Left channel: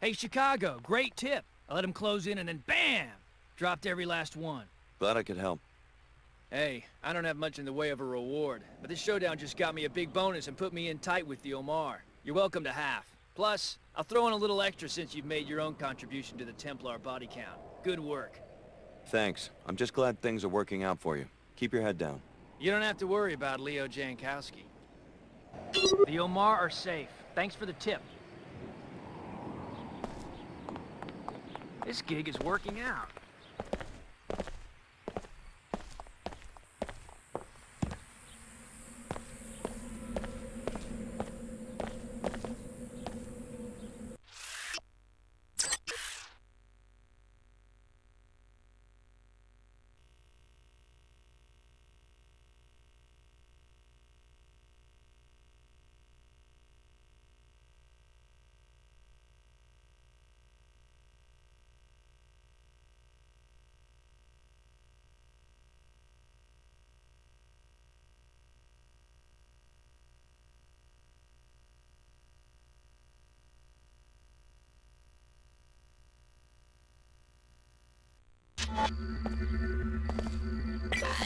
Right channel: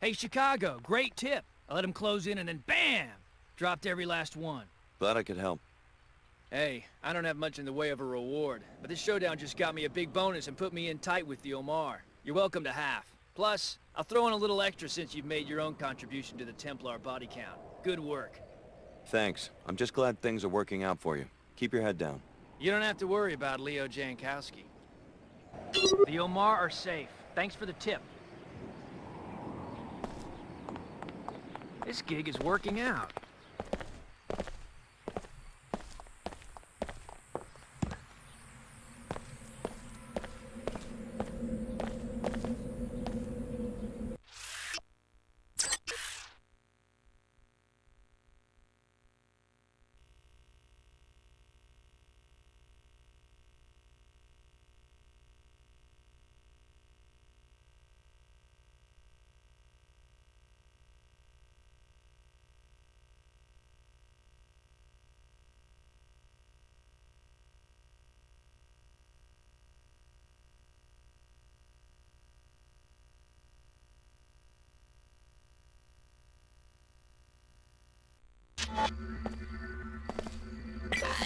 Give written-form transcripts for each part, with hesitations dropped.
Hey, Chicago, great tip. I let him close in and then BAM! Dropped every last one. Glad I could help. Hey, I don't have much in the way of a reward, but this showdown just got me a big bonus and put me in tight with the Omar. You're welcome to half. Plus, I'll throw in a little extra since you've made your own contribution to the Templar body count. Good work. Thanks. I'm just glad things are working out for you. Keep your head down. You don't have to worry about Leo Jankowski. The Omar are safe. Thanks for the tip. This gig is working out.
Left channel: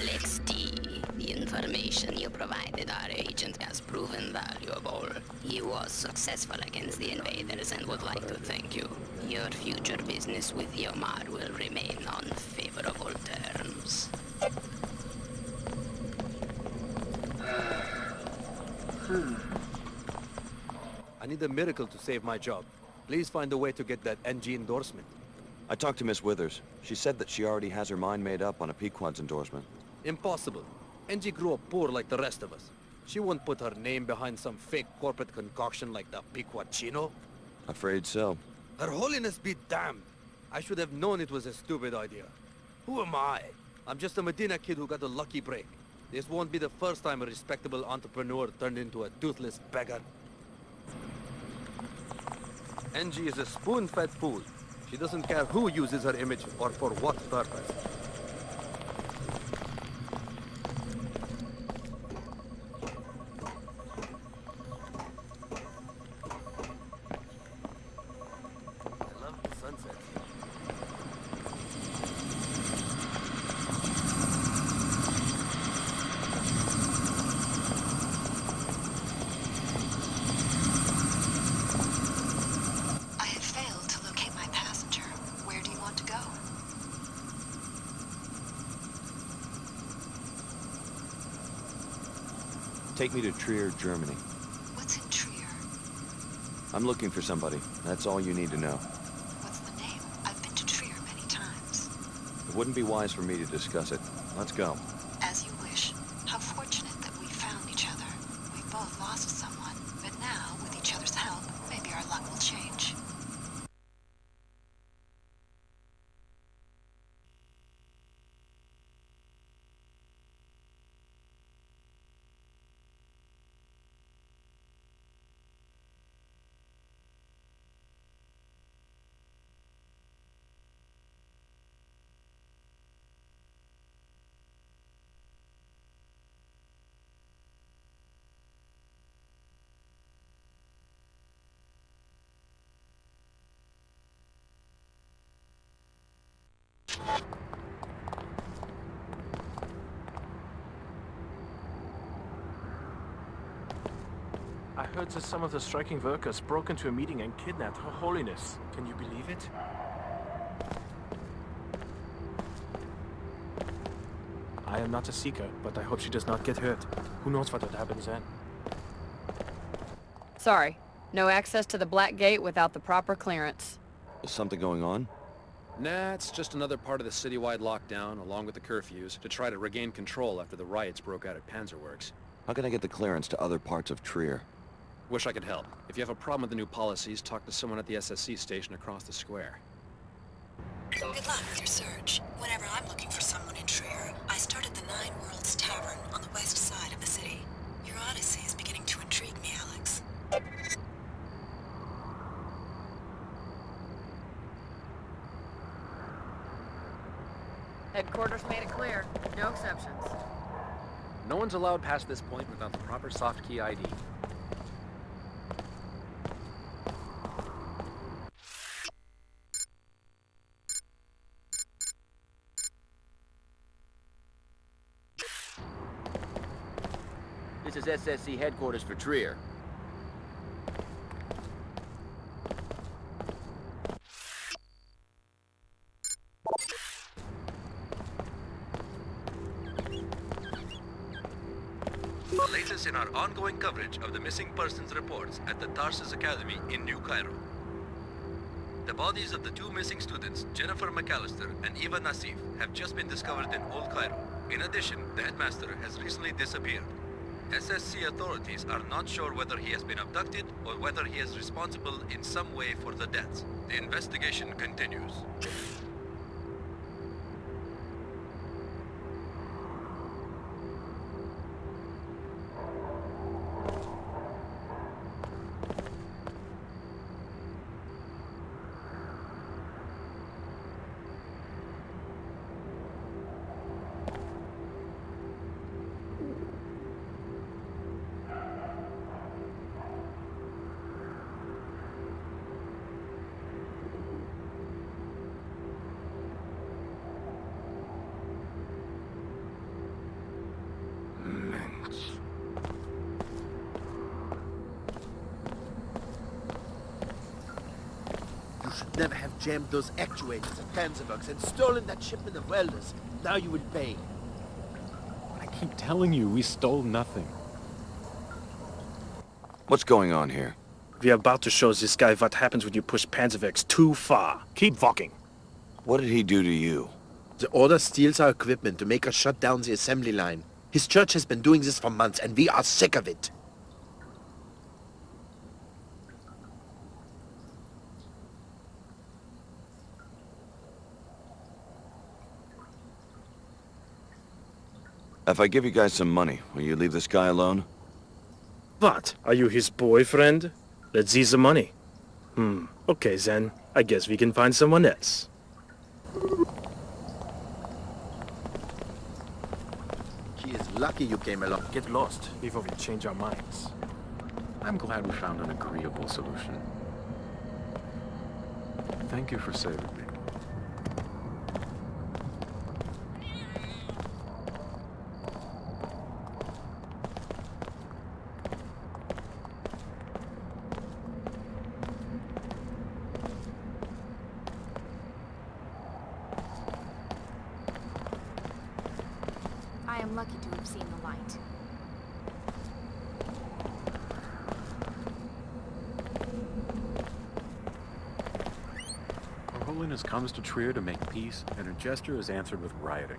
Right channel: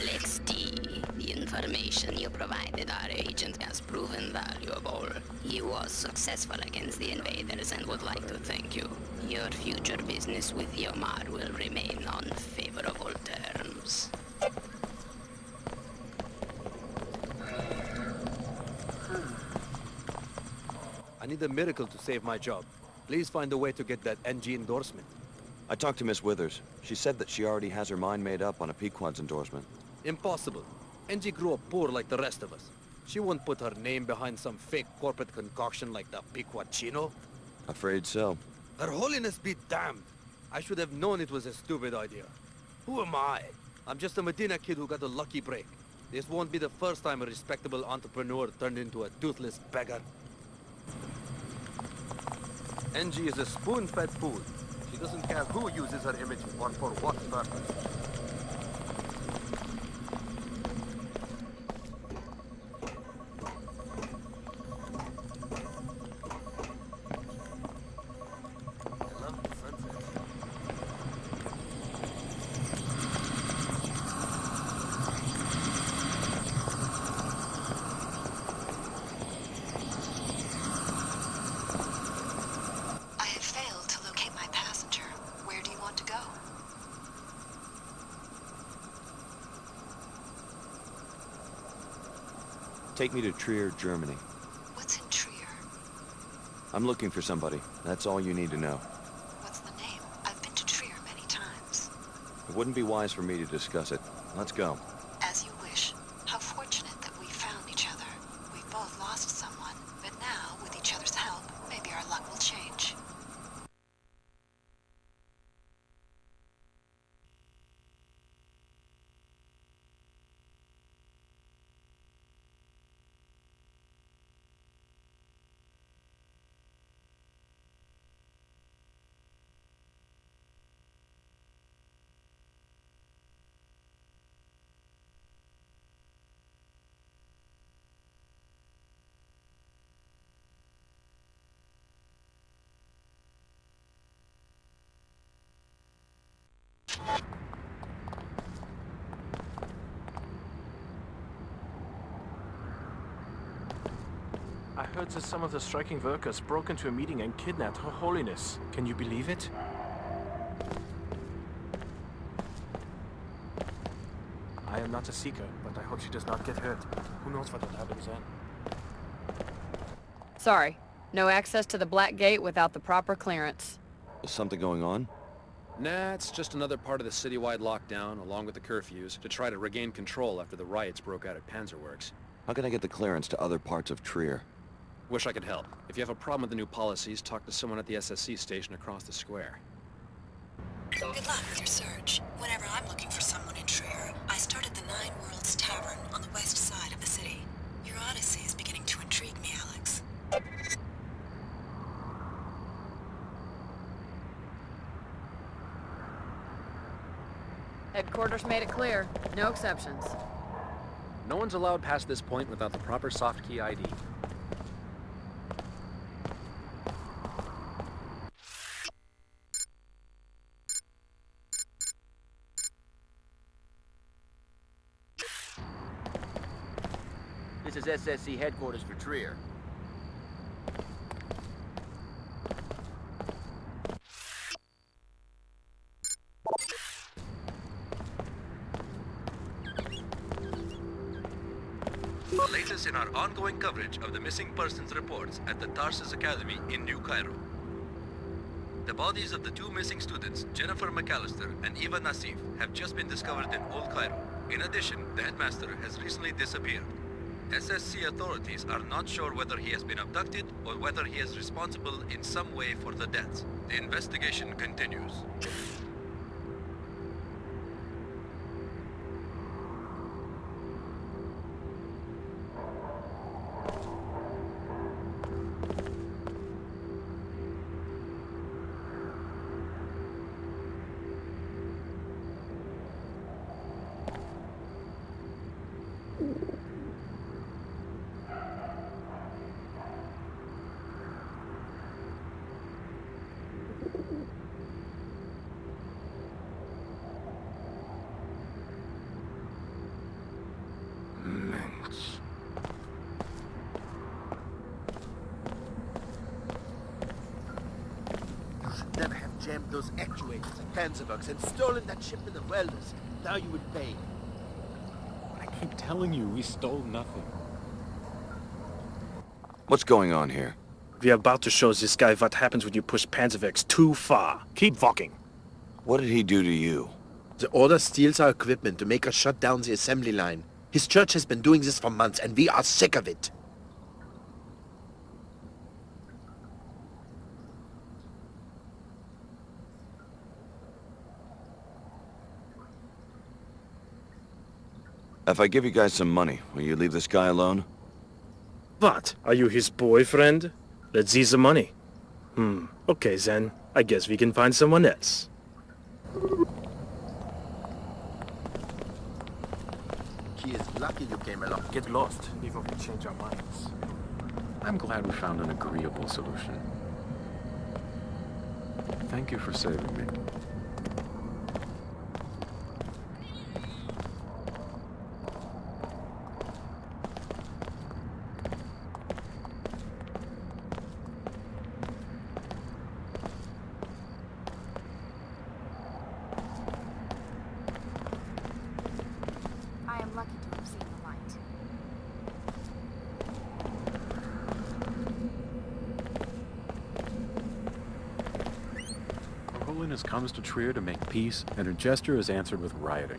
Alex D. The information you provided our agent has proven valuable. He was successful against the invaders and would like to thank you. Your future business with Yomar will remain on favorable terms. I need a miracle to save my job. Please find a way to get that NG endorsement. I talked to Miss Withers. She said that she already has her mind made up on a Pequod's endorsement. Impossible. NG grew up poor like the rest of us. She won't put her name behind some fake corporate concoction like the Pequod Chino. Afraid so. Her holiness be damned. I should have known it was a stupid idea. Who am I? I'm just a Medina kid who got a lucky break. This won't be the first time a respectable entrepreneur turned into a toothless beggar. NG is a spoon-fed fool. She doesn't care who uses her image or for what purpose. I love the sunset. I have failed to locate my passenger. Where do you want to go? Take me to Trier, Germany. What's in Trier? I'm looking for somebody. That's all you need to know. What's the name? I've been to Trier many times. It wouldn't be wise for me to discuss it. Let's go. As you wish. How fortunate that we found each other. We've both lost someone, but now, with each other's help, maybe our luck will change. I heard that some of the striking workers broke into a meeting and kidnapped Her Holiness. Can you believe it? I am not a seeker, but I hope she does not get hurt. Who knows what would happen then? Sorry. No access to the Black Gate without the proper clearance. Is something going on? Nah, it's just another part of the citywide lockdown, along with the curfews, to try to regain control after the riots broke out at Panzerworks. How can I get the clearance to other parts of Trier? Wish I could help. If you have a problem with the new policies, talk to someone at the SSC station across the square. Good luck with your search. Whenever I'm looking for someone in Trier, I start at the Nine Worlds Tavern on the west side of the city. Your odyssey is beginning to intrigue me, Alex. Headquarters made it clear. No exceptions. No one's allowed past this point without the proper soft key ID. This is SSC headquarters for Trier. The latest in our ongoing coverage of the missing persons reports at the Tarsus Academy in New Cairo. The bodies of the two missing students, Jennifer McAllister and Eva Nassif, have just been discovered in Old Cairo. In addition, the headmaster has recently disappeared. SSC authorities are not sure whether he has been abducted or whether he is responsible in some way for the deaths. The investigation continues. Never have jammed those actuators at Panzerworks and stolen that shipment of welders. Now you would pay. I keep telling you, we stole nothing. What's going on here? We are about to show this guy what happens when you push Panzerwerks too far. Keep walking. What did he do to you? The Order steals our equipment to make us shut down the assembly line. His church has been doing this for months, and we are sick of it. If I give you guys some money, will you leave this guy alone? What? Are you his boyfriend? Let's see the money. Okay then. I guess we can find someone else. He is lucky you came along. Get lost before we change our minds. I'm glad we found an agreeable solution. Thank you for saving me. I am lucky to have seen the light. Her Holiness comes to Trier to make peace, and her gesture is answered with rioting.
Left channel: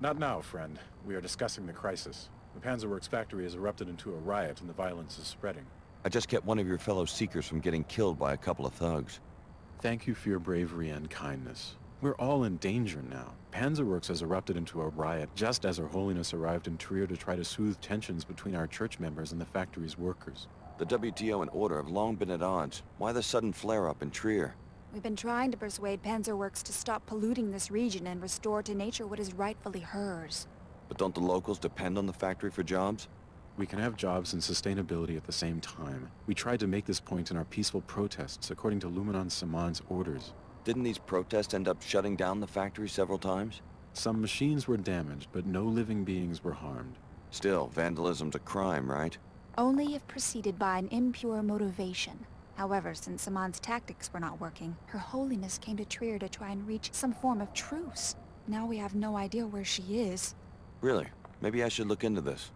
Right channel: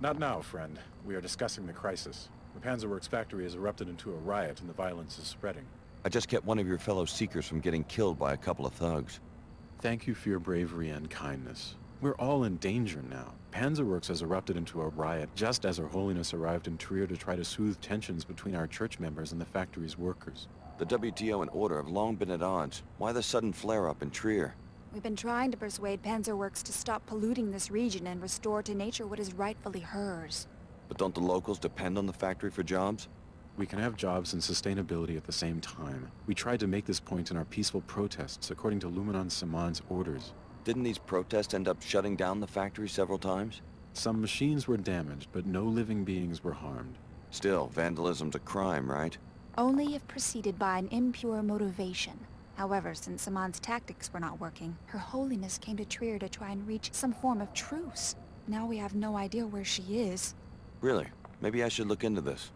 Not now, friend. We are discussing the crisis. The Panzerworks factory has erupted into a riot and the violence is spreading. I just kept one of your fellow Seekers from getting killed by a couple of thugs. Thank you for your bravery and kindness. We're all in danger now. Panzerworks has erupted into a riot just as Her Holiness arrived in Trier to try to soothe tensions between our church members and the factory's workers. The WTO and Order have long been at odds. Why the sudden flare-up in Trier? We've been trying to persuade Panzerworks to stop polluting this region and restore to nature what is rightfully hers. But don't the locals depend on the factory for jobs? We can have jobs and sustainability at the same time. We tried to make this point in our peaceful protests according to Luminon Saman's orders. Didn't these protests end up shutting down the factory several times? Some machines were damaged, but no living beings were harmed. Still, vandalism's a crime, right? Only if preceded by an impure motivation. However, since Saman's tactics were not working, Her Holiness came to Trier to try and reach some form of truce. Now we have no idea where she is. Really? Maybe I should look into this.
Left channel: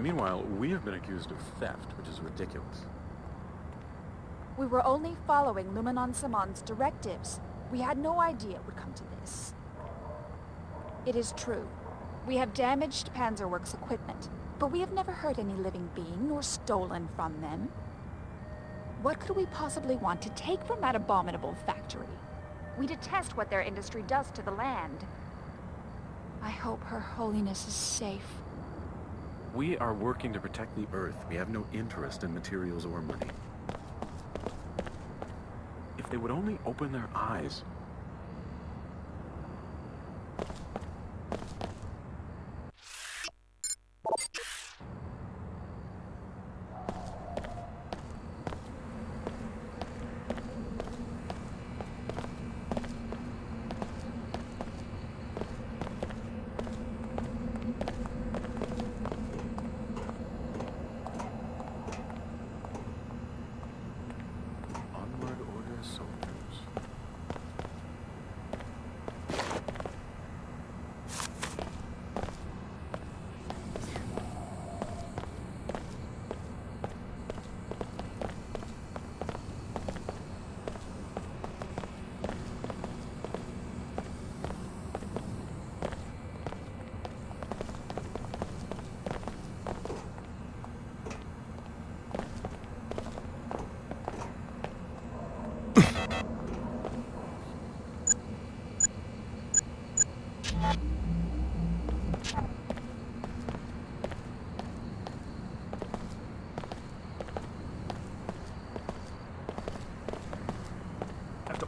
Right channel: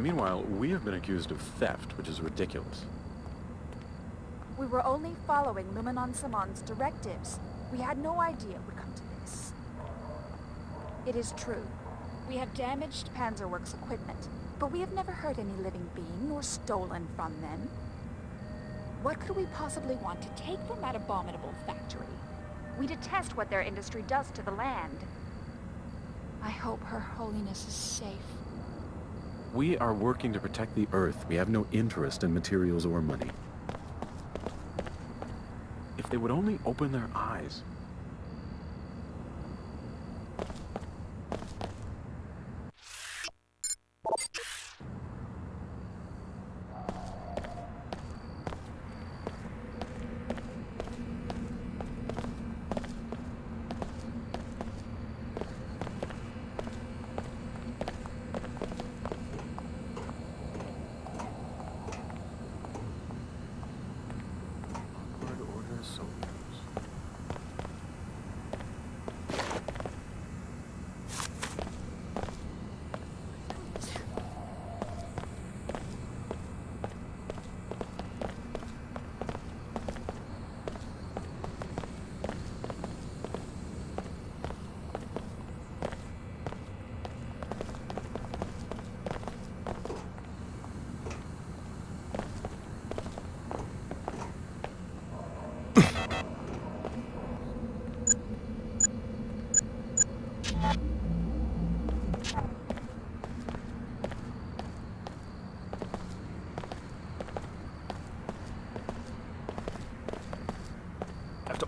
Meanwhile, we have been accused of theft, which is ridiculous. We were only following Luminon Saman's directives. We had no idea it would come to this. It is true. We have damaged Panzerworks equipment, but we have never hurt any living being or stolen from them. What could we possibly want to take from that abominable factory? We detest what their industry does to the land. I hope Her Holiness is safe. We are working to protect the Earth. We have no interest in materials or money. If they would only open their eyes.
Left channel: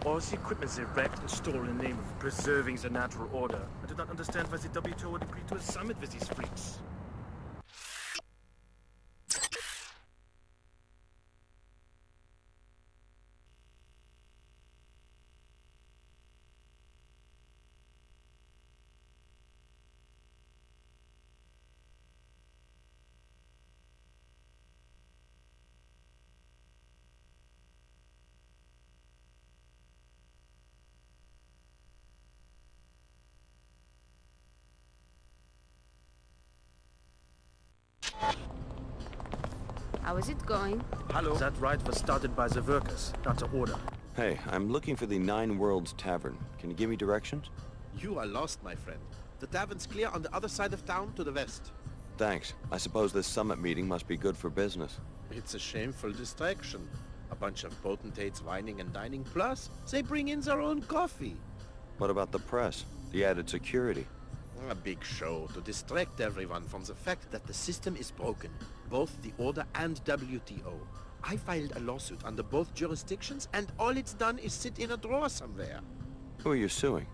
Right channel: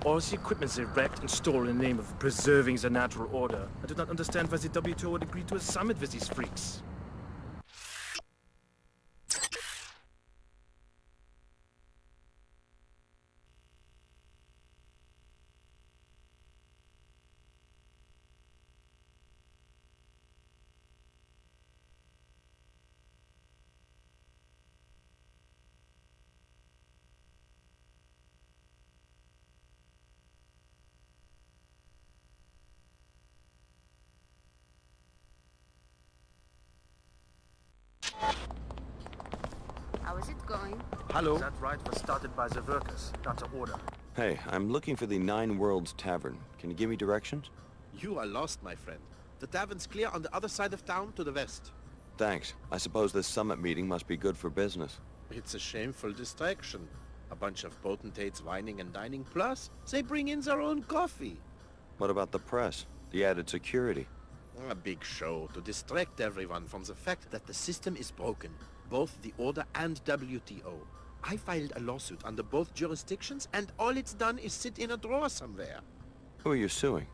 All the equipment they wrecked and stole in the name of preserving the natural order. I do not understand why the WTO would agree to a summit with these freaks. How is it going? Hello? That riot was started by the workers, not the order. Hey, I'm looking for the Nine Worlds Tavern. Can you give me directions? You are lost, my friend. The tavern's clear on the other side of town to the west. Thanks. I suppose this summit meeting must be good for business. It's a shameful distraction. A bunch of potentates whining and dining, plus they bring in their own coffee. What about the press? The added security? A big show to distract everyone from the fact that the system is broken. Both the Order and WTO. I filed a lawsuit under both jurisdictions, and all it's done is sit in a drawer somewhere. Who are you suing?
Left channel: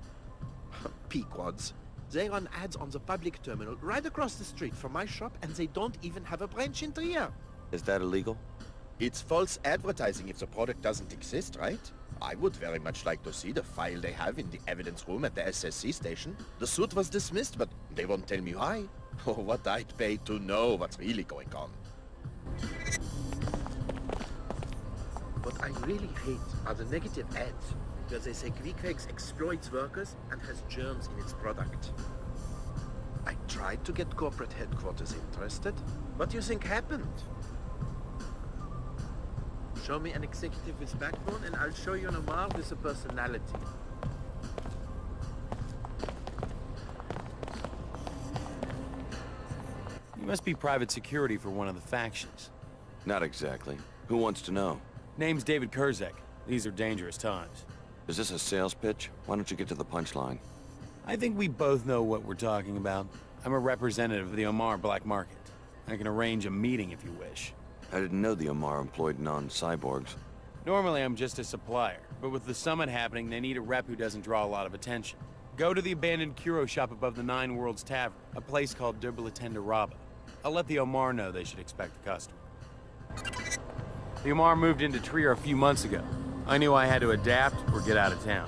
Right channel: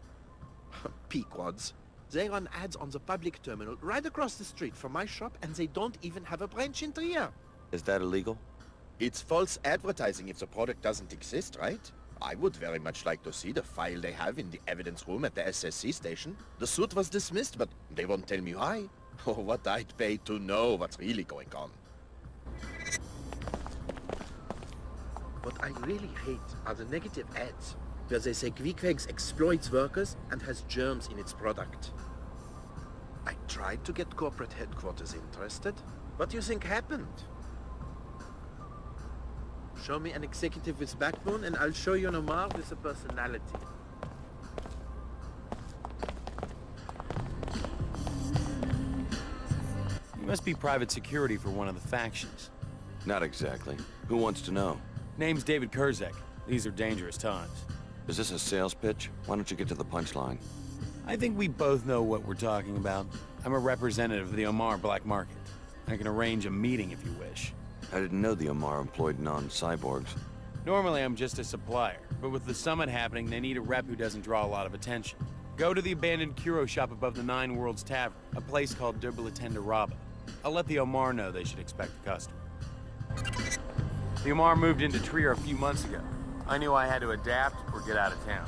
Pequods. They run ads on the public terminal right across the street from my shop, and they don't even have a branch in Trier. Is that illegal? It's false advertising if the product doesn't exist, right? I would very much like to see the file they have in the evidence room at the SSC station. The suit was dismissed, but they won't tell me why. Oh, what I'd pay to know what's really going on. What I really hate are the negative ads, where they say Queequegs exploits workers and has germs in its product. I tried to get corporate headquarters interested. What do you think happened? Show me an executive with backbone and I'll show you an Omar with a personality. You must be private security for one of the factions. Not exactly. Who wants to know? Name's David Kurzek. These are dangerous times. Is this a sales pitch? Why don't you get to the punchline? I think we both know what we're talking about. I'm a representative of the Omar black market. I can arrange a meeting if you wish. I didn't know the Omar employed non-cyborgs. Normally I'm just a supplier, but with the summit happening, they need a rep who doesn't draw a lot of attention. Go to the abandoned Kuro shop above the Nine Worlds Tavern, a place called Derbilatenda Raba. I'll let the Omar know they should expect a customer. The Omar moved into Trier a few months ago. I knew I had to adapt or get out of town.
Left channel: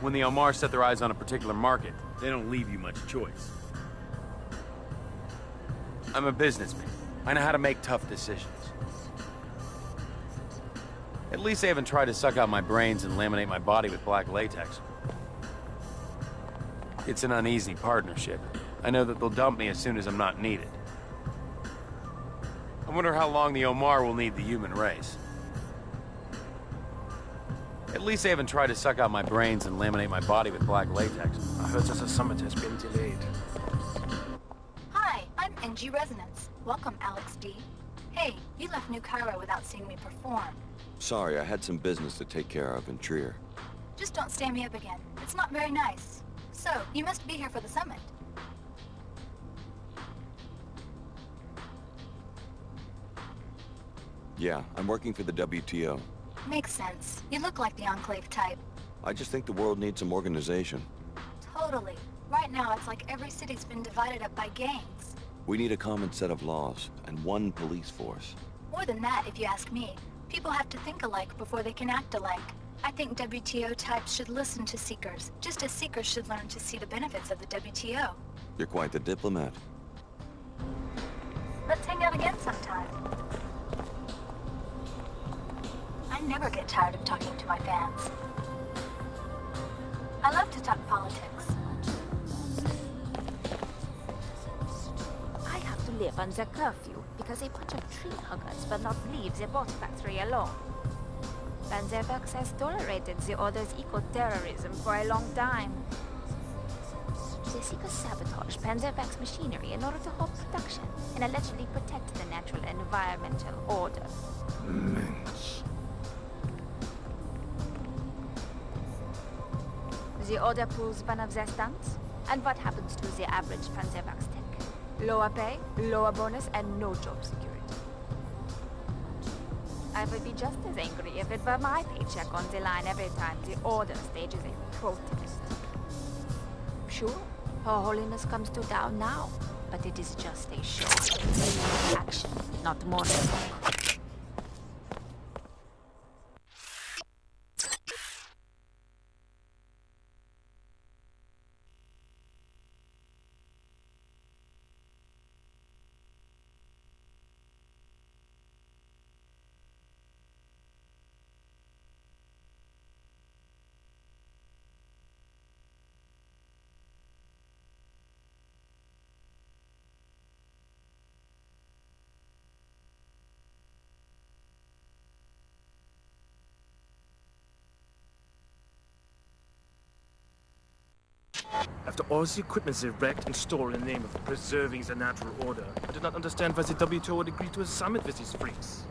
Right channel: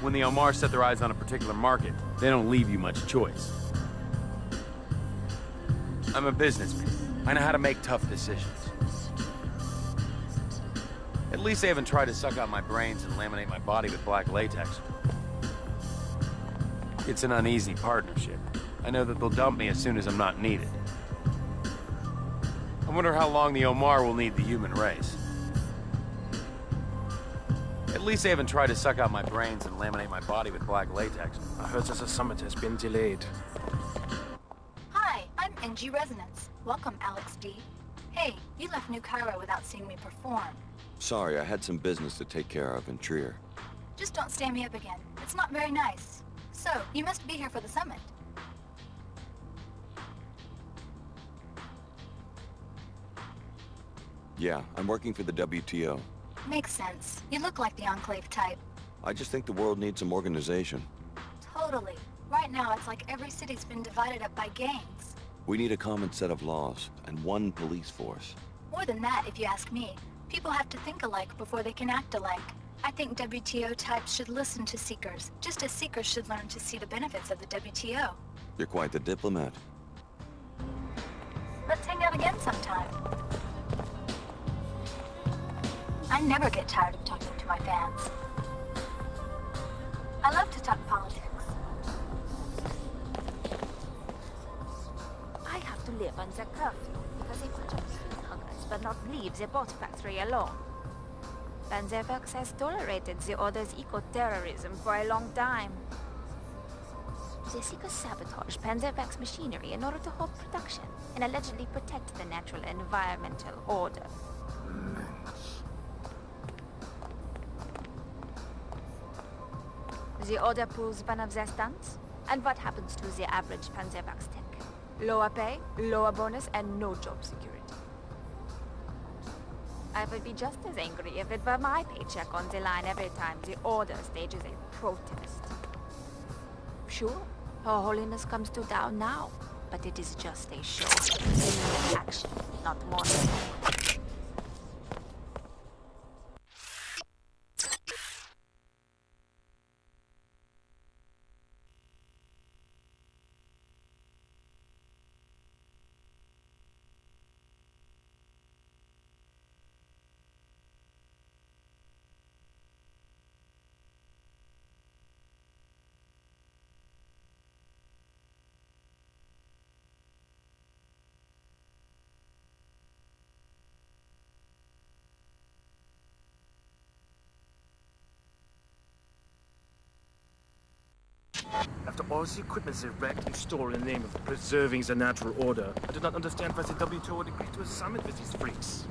When the Omar set their eyes on a particular market, they don't leave you much choice. I'm a businessman. I know how to make tough decisions. At least they haven't tried to suck out my brains and laminate my body with black latex. It's an uneasy partnership. I know that they'll dump me as soon as I'm not needed. I wonder how long the Omar will need the human race. At least they haven't tried to suck out my brains and laminate my body with black latex. I heard that the summit has been delayed. Hi, I'm NG Resonance. Welcome, Alex D. Hey, you left New Cairo without seeing me perform. Sorry, I had some business to take care of in Trier. Just don't stand me up again. It's not very nice. So, you must be here for the summit. Yeah, I'm working for the WTO. Makes sense. You look like the Enclave type. I just think the world needs some organization. Totally. Right now, it's like every city's been divided up by gangs. We need a common set of laws, and one police force. More than that, if you ask me. People have to think alike before they can act alike. I think WTO types should listen to Seekers, just as Seekers should learn to see the benefits of the WTO. You're quite the diplomat. Let's hang out again sometime. I never get tired of talking to my fans. I love to talk politics. I have to live on the curfew because a bunch of tree huggers will not leave the boat factory alone. Panzerwerks has tolerated the Order's eco-terrorism for a long time. The Seekers sabotage Panzerwerks machinery in order to hold production and allegedly protect the natural and environmental order. The Order pulls one of their stunts, and what happens to the average Panzerwerks tech? Lower pay, lower bonus, and no job security. I would be just as angry if it were my paycheck on the line every time the Order stages a protest. Sure, Her Holiness comes to town now, but it is just a show. Action, not more. After all the equipment they wrecked and stole in the name of preserving the natural order, I do not understand why the WTO would agree to a summit with these freaks.